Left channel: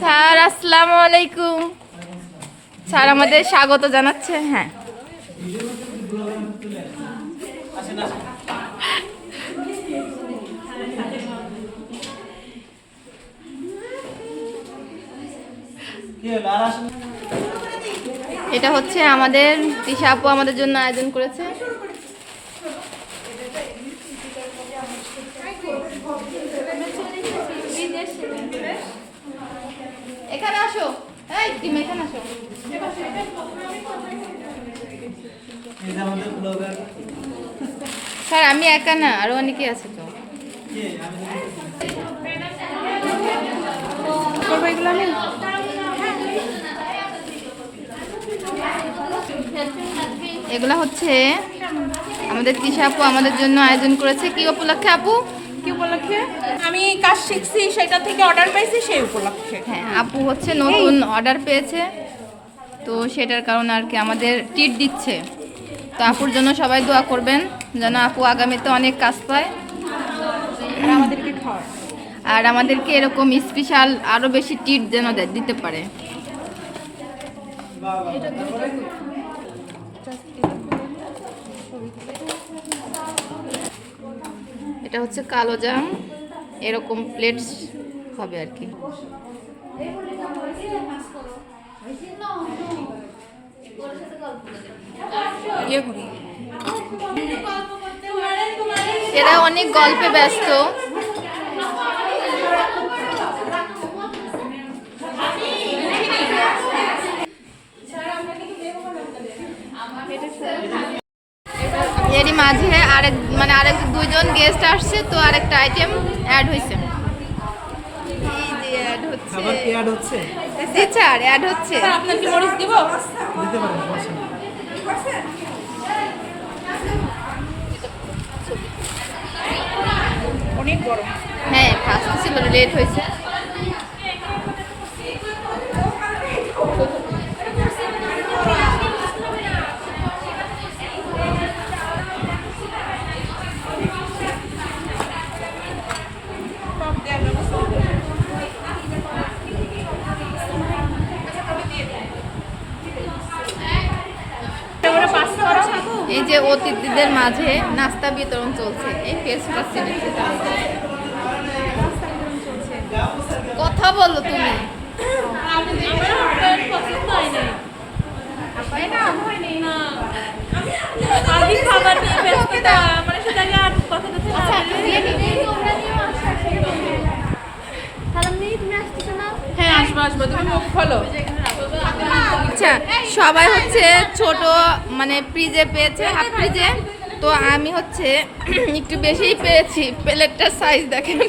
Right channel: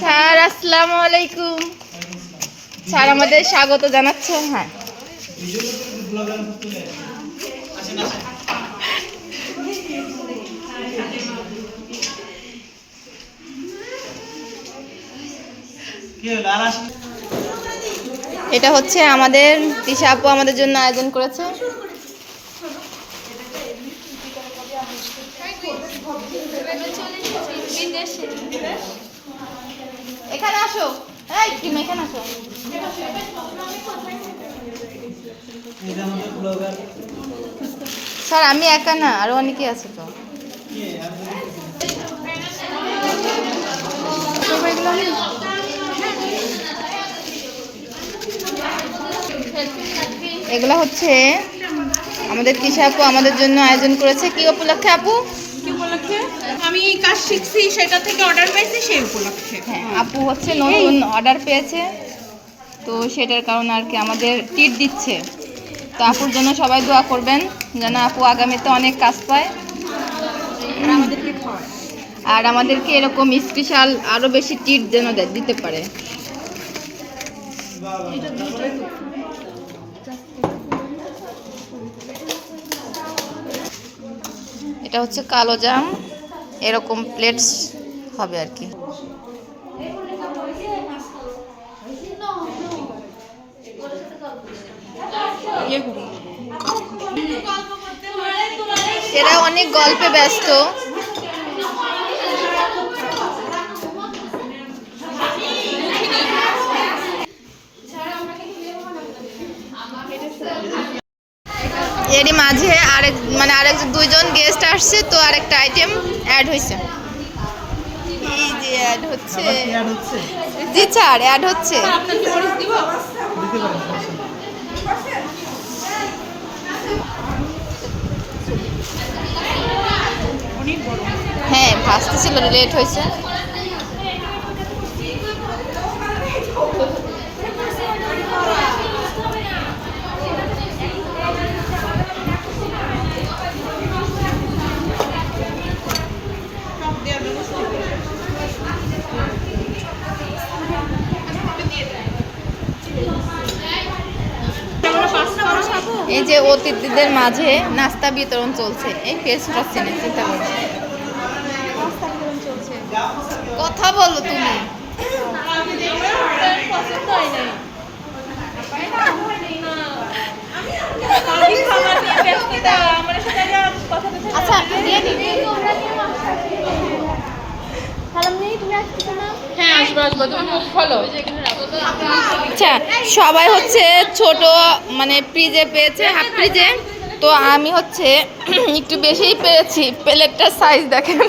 Sir আসসালামু আলাইকুম। Sir আমাদের স্বাগত জানাচ্ছে। হ্যাঁ, এটা হচ্ছে আমাদের তিশা আপু আমাদের জন্য আয়োজন করেছে। এখানে আসো, এই তুমি এখানে আসো। স্যার আমি একা না, আরো অনেকে আছে তো। এগুলা হচ্ছে আমাদের তিশা আপু আমাদের জন্য আয়োজন করেছে। কি উপলক্ষে আপু? কি উপলক্ষে? আমি কাজ শিখছি, সেটা থেকে অর্ডার পেয়েছি সেই উপলক্ষে। হ্যাঁ, আপু হচ্ছে নতুন অর্ডার পেয়েছে, তো সেটার কারণে আর কি আমাদের টিট দিচ্ছে। তো আপুর জন্য সবাই দোয়া করবেন যেন আপু আগামীতে অনেক কাজ পায় আর আমাদেরকে এরকম স্পেশাল আরো বেশি টিট যেন দিতে পারে। এটা হচ্ছে কালো জাম, এরকম প্লেটস হবে আর কি। এরা অনেক গল্পে ব্যস্ত। এরই মাঝে আরেকজন দুইজন গেস্ট আসছে, তো আরেকটা আইটেম অ্যাড হয়েছে। এই যে অ্যাড হচ্ছে। জি স্যার, অ্যাড হচ্ছে। হ্যাঁ, ভাজতে ছিল, লেট হয়েছে। এই যে অতিথিদের মাঝে নাস্তা বিতরণ চলছে। এই পেস্টটা চিনেছি। কথা বলো তুমি। আচ্ছা, সবাই হচ্ছে ছোট ফ্রিজে পেয়েছে, হাফ ফ্রিজে। তো আমি হচ্ছে একটু বেশিই পেয়েছি। প্লেটটার সাইজ দেখেন।